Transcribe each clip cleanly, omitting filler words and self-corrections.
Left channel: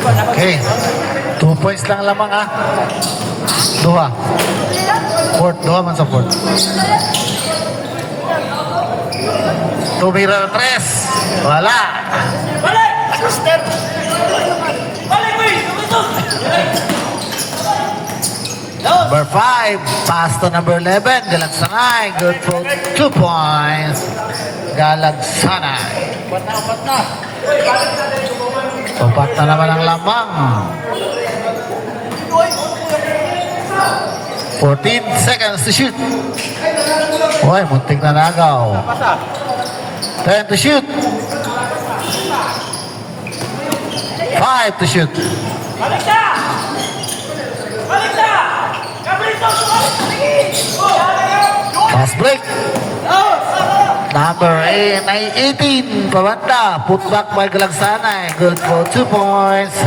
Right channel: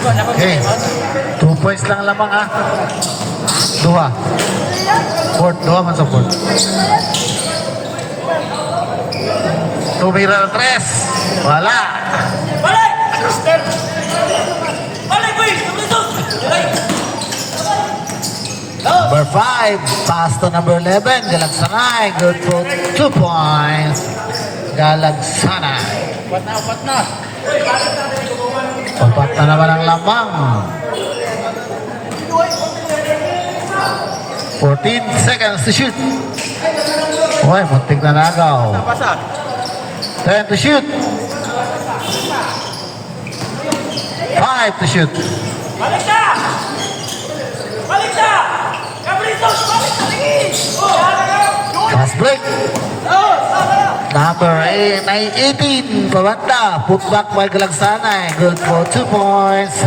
Okay. 2 points lang lamang ha. Duha. Duha man sa court. Tumira ng 3. Wala. Number 5, pass to number 11, Galag Sanay. Good for 2 points. Galag Sanay. Papat na naman ang lamang. 14 seconds to shoot. Uy, muntik na nagaw. 10 to shoot. 5 to shoot. Last break. Number 18, pabanda. Put back by Galagsanay. Good for 2 points.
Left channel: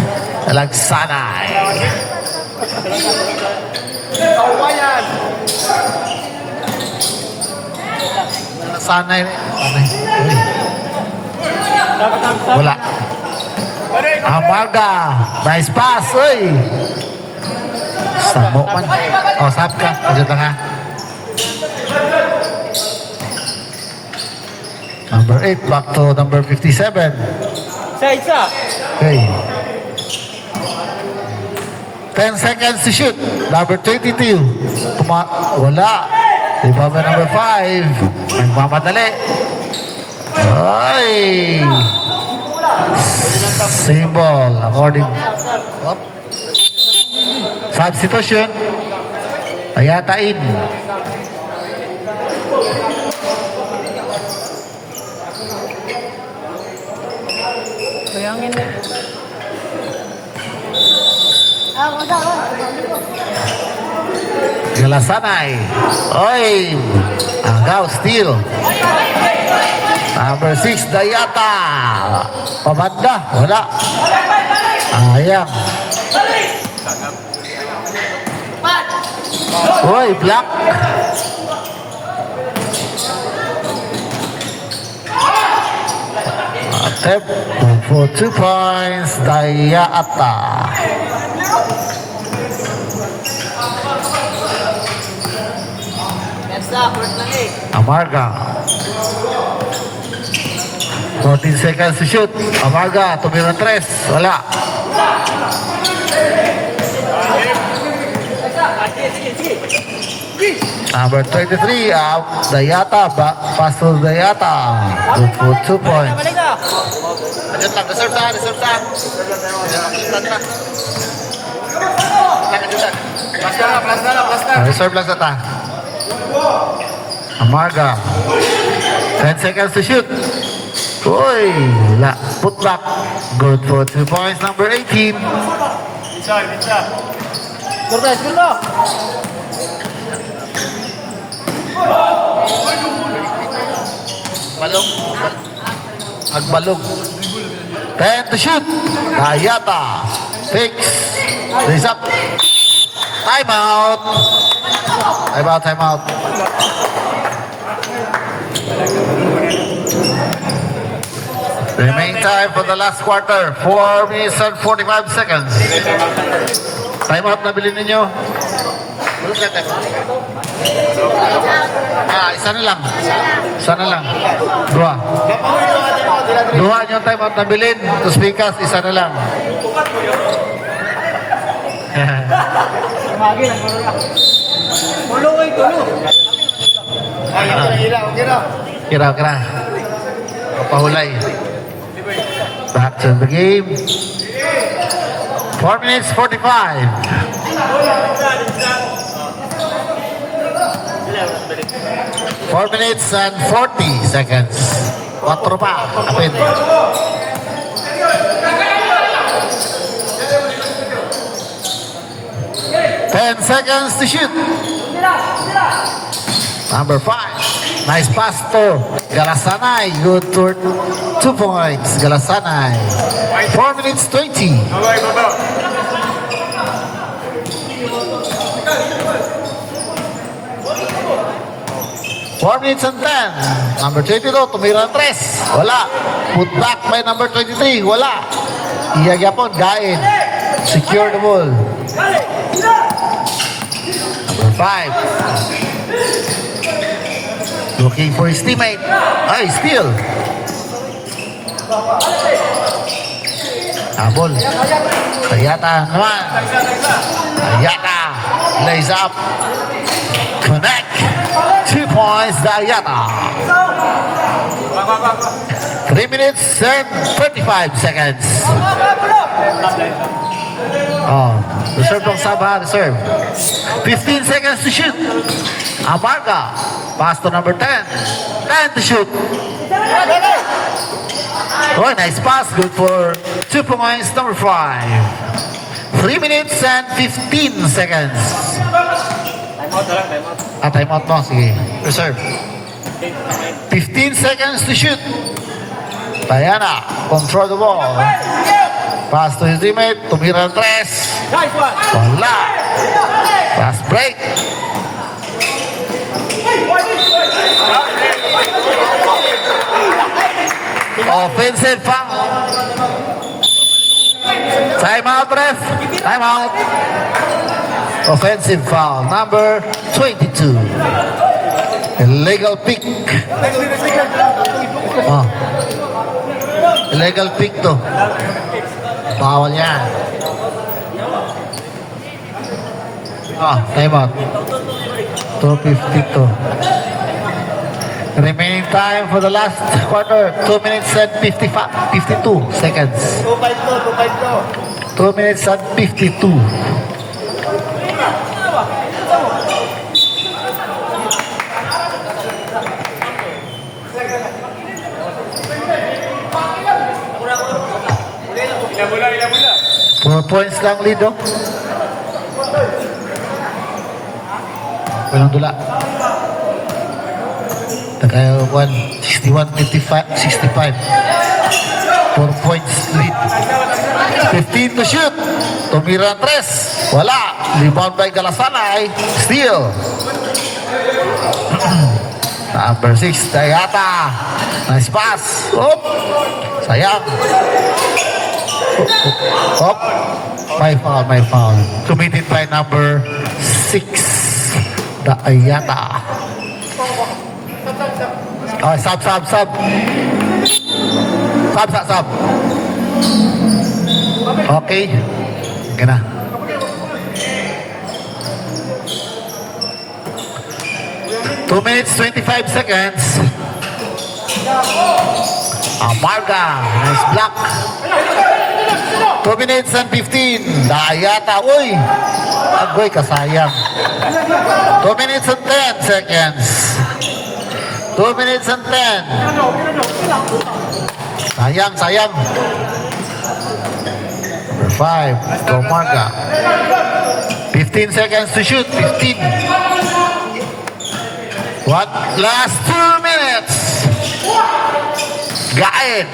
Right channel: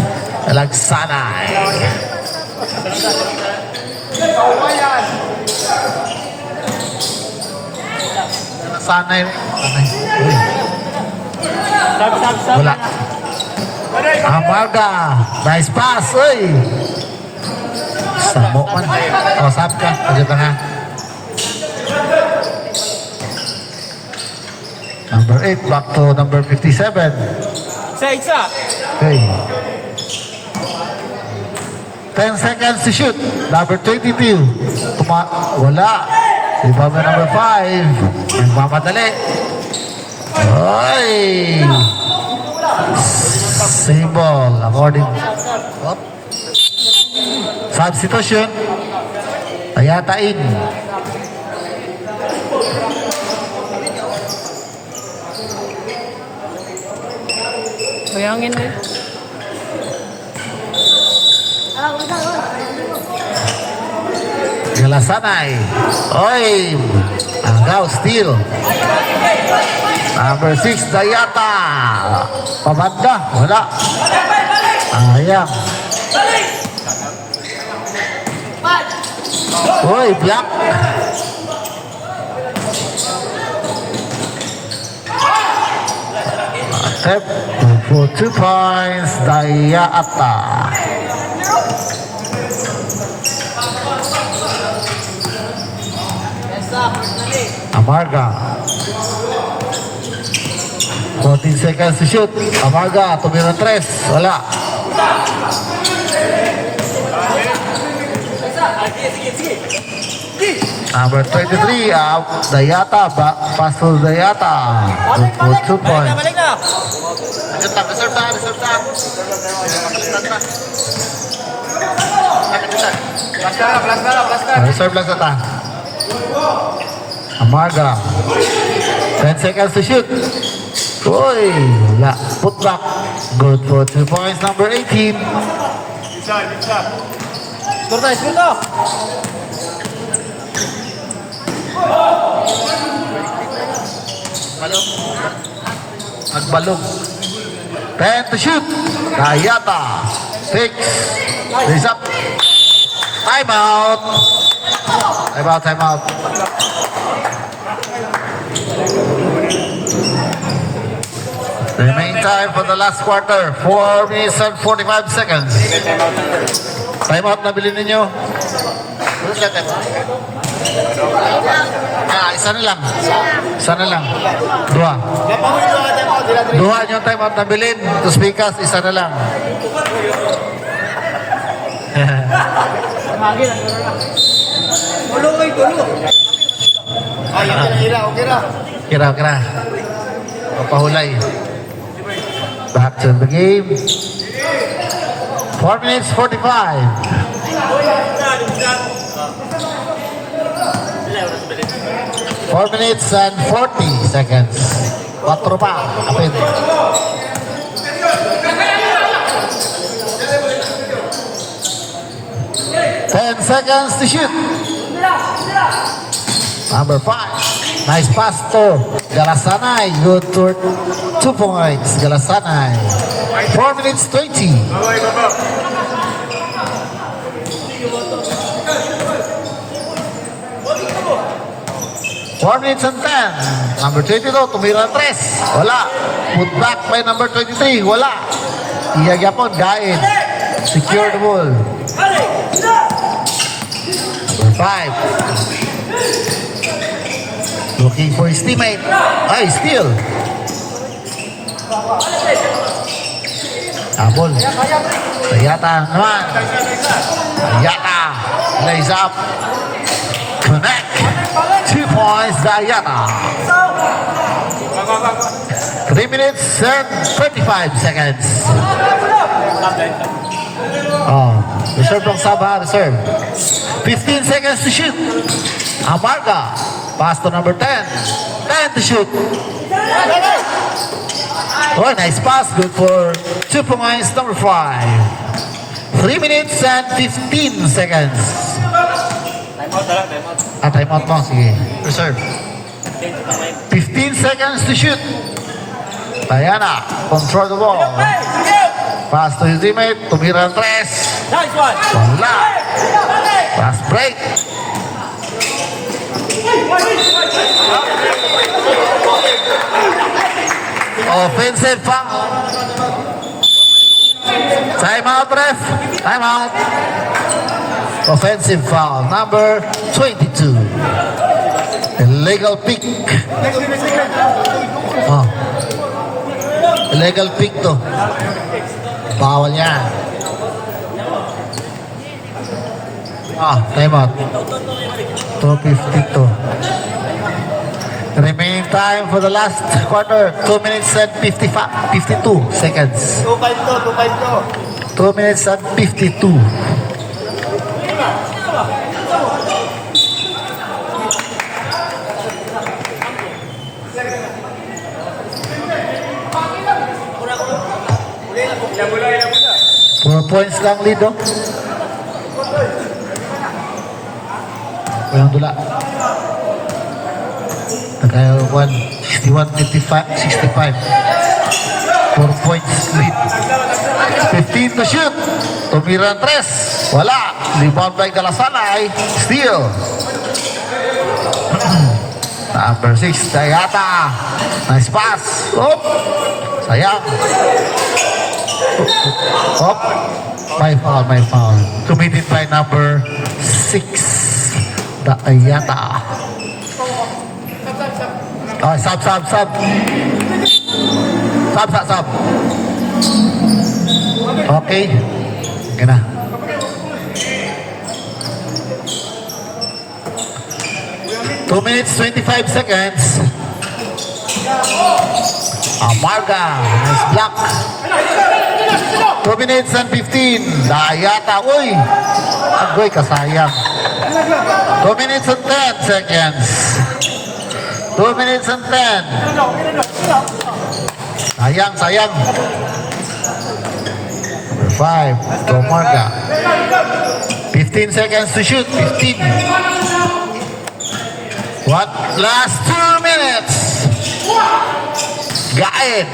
Galagsanay. Galagsanay. Wala. Amarga. Nice pass. Uy. Samo man. O, sab ka. Pagkita nga. Number 8, back to number 57. Isa. Okay. 10 seconds to shoot. Number 22. Wala. Iba ba number 5? Magmamadali. Ay! Symbol. According. Substitution. Ayatain. Bayangin na. Galasanay. Oy! Agaw, steal. Number 6, Dayata. Pabanda. Wala. Ayan. Oy, block. Step for 2 points, Dayata. Amarga. 14 seconds to shoot. Amarga, tumira 3. Wala. Number 23, Dayata. Pass to Dayata. Good for 2 points. Reserve lang sa ta. Amarga. 10 seconds to shoot. Uy, wala. Put back. Good for 2 points. Number 18. Agbalog. 10 to shoot. Dayata. 6. Raise up. Time out. Time out. Remaining time for the last quarter. 4 minutes and 45 seconds. Time out na bilhin ninyo. Isa na lang. Isa na lang. Dua. Dua nyo time out na bilhin. Tus bikas, isa na lang. Tulo kayo, tulo. Ay, okay na. Kira. Kapahulay. Back to the game. 4 minutes 45. 4 minutes and 40 seconds. 4 pa. Kapit. Ten seconds to shoot. Number 5. Nice pass to Galasanay. Good for 2 points. Galasanay. 4 minutes 20. 4 minutes and 10. Number 22, tumira 3. Wala. Put back by number 23. Wala. Iyagyapon, guide. Secure the ball. Number 5. Looking for his teammate. Ay, steal. Habol. Ayata naman. Ayata. Lays up. Connect. 2 points to Ayata. 3 minutes and 35 seconds. Oh, reserve ng Sabah, reserve. 15 seconds to shoot. Amarga. Pass to number 10. 10 to shoot. Oh, nice pass. Good for 2 points, number 5. 3 minutes and 15 seconds. Timeout mo. Sige. Reserve. 15 seconds to shoot. Diana, control the ball. Pass to his teammate. Tumira ang 3. Wala. Last break. Offensive foul. Time out, ref. Time out. Offensive foul. Number 22. Illegal pick. Oh. Illegal pick to. Bawal yan. Oh, time out. 2:52. Remaining time for the last quarter, 2 minutes and 52 seconds. 2-5 to. 2 minutes and 52. Four points lang lead, no? Walang dula. Tagay 61-65. 4 points lead. 15 to shoot. Tumira ang 3. Wala. Rebound by Galasanay. Steal. Number 6, Dayata. Nice pass. Oh. Sayang. Oh. My foul. Committed by number 6, Dayata. Oh, sub. Sub. Okay. Gana. Two minutes, 25 seconds. Amarga. Nice block. 2 minutes and 15. Dayata. Uy. Agoy, kasayang. 2 minutes and 10 seconds. 2 minutes and 10. Sayang. Number 5, Tomarga. 15 seconds to shoot. 15. What? Last 2 minutes. Gaid.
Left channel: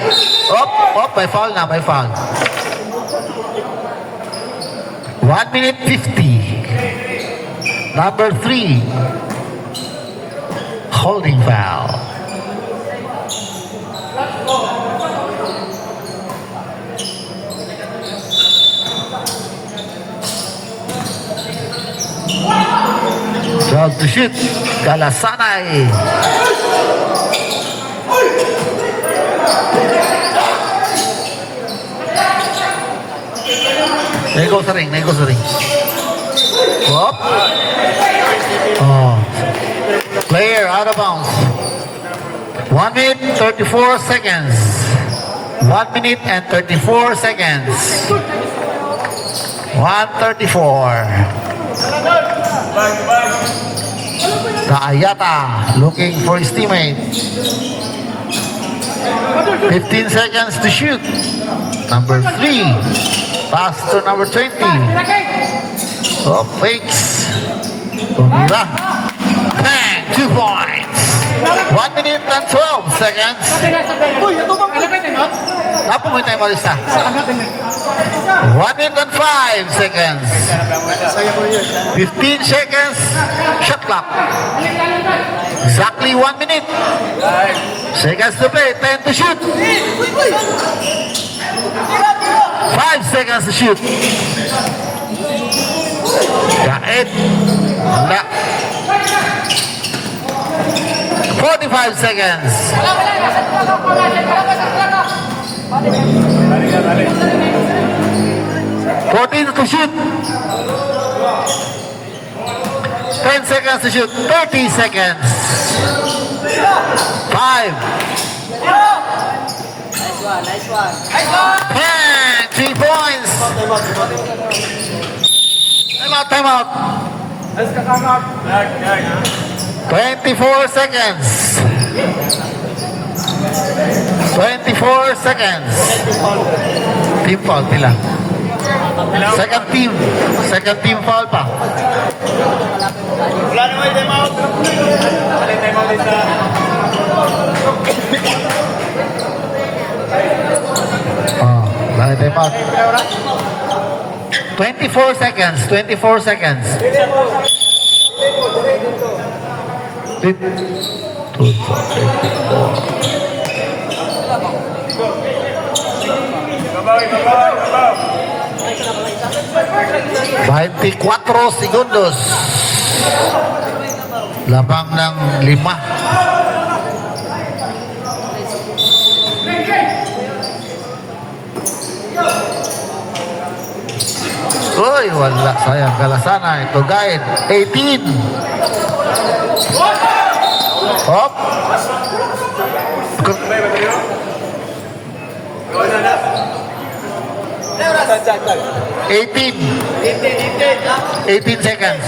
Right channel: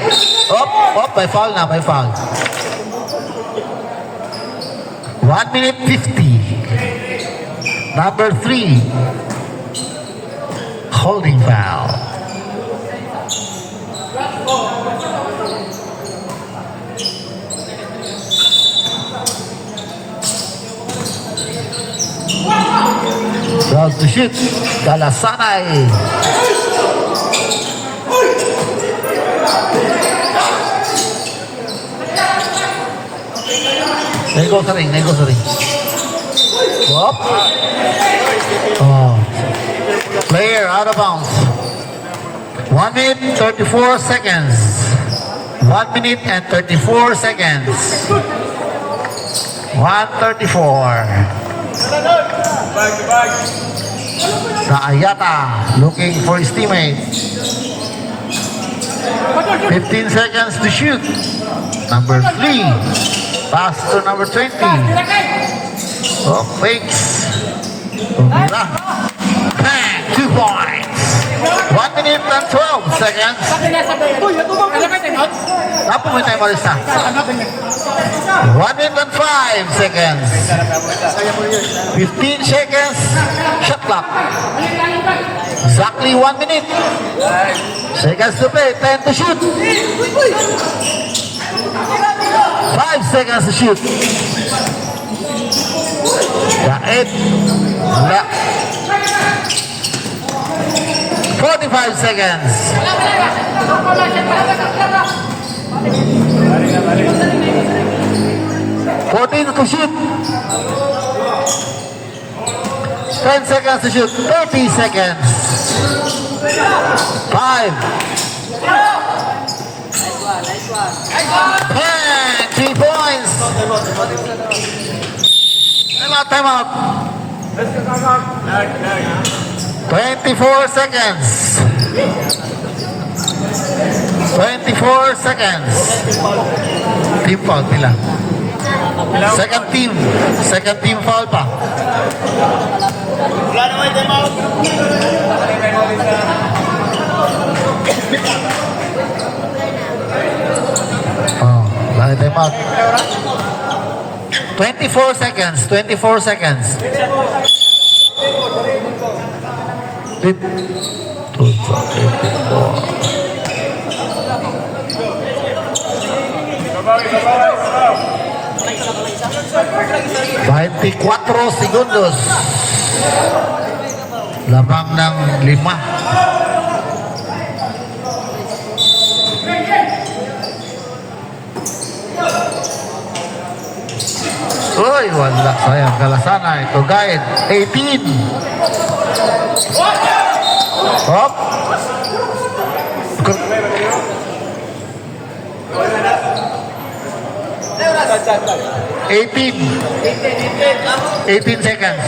May foul na, may foul. 1 minute 50. Number 3. Holding foul. Draws to shoot. Galasanay. Nego sa ring. Up. Oh. Player out of bounds. 1 minute 34 seconds. 1 minute and 34 seconds. 1:34. Ayata looking for his teammate. 15 seconds to shoot. Number 3. Pass to number 20. Oh, fakes. Tumira. Bang! 2 points. 1 minute and 12 seconds. Apa mo tayo malista? 1 minute and 5 seconds. 15 seconds. Shot clock. Exactly 1 minute. Seconds to play. 10 to shoot. 5 seconds to shoot. Kait. Wala. 45 seconds. 14 to shoot. 10 seconds to shoot. 30 seconds. 5. 10. 3 points. Time out. 24 seconds. 24 seconds. Team foul pila. Second team foul pa. Wala naman yung time out. Wala yung time out din sa... Oh, wala time out. 24 seconds. 24 seconds. Dahil 4 segundos. Labang ng 5. Uy, wala. Sayang kalasana. Ito guide. 18. Hop. 18 seconds.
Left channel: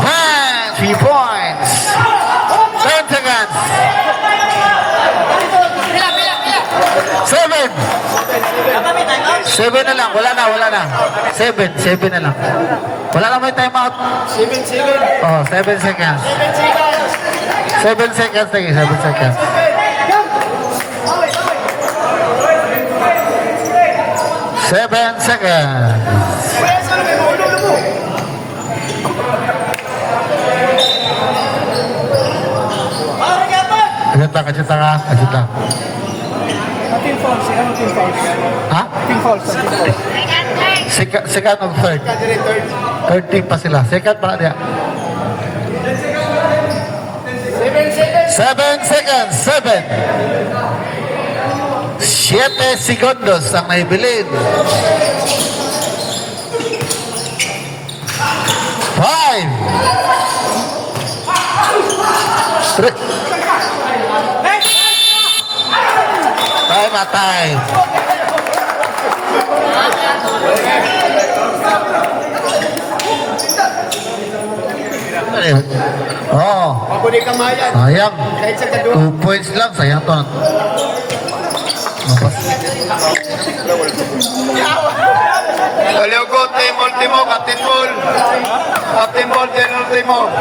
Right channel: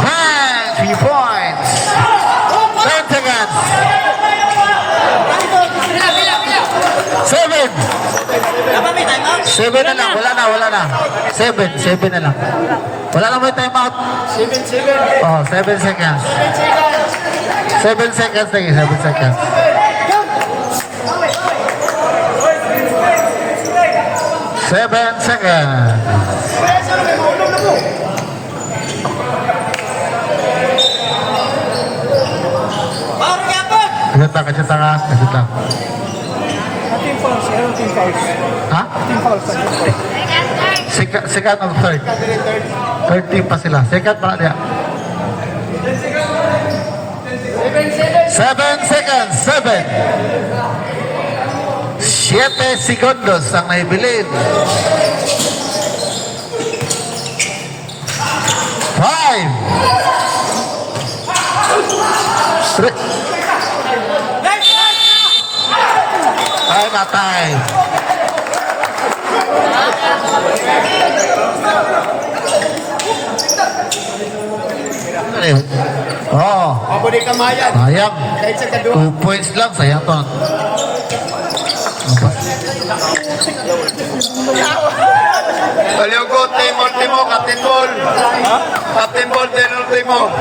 Man, 3 points. 10 seconds. 7. 7 na lang. Wala na. 7 na lang. Wala na may time out. 7. Oh, 7 seconds. 7 seconds lagi, 7 seconds. 7 seconds. Kajut lang. Team fouls. Team fouls. Ha? Team fouls. Second or third? Third team pa sila. Second pa na dia. 7 seconds. 7. 7 segundos ang naibilin. 5. 3. Time. Oh. Mabudi kamayan. Sayang. Kahit sa kadua. 2 points lang. Sayang to. Aliyo ko, team ultimo, captain ball. Captain ball, din ultimo.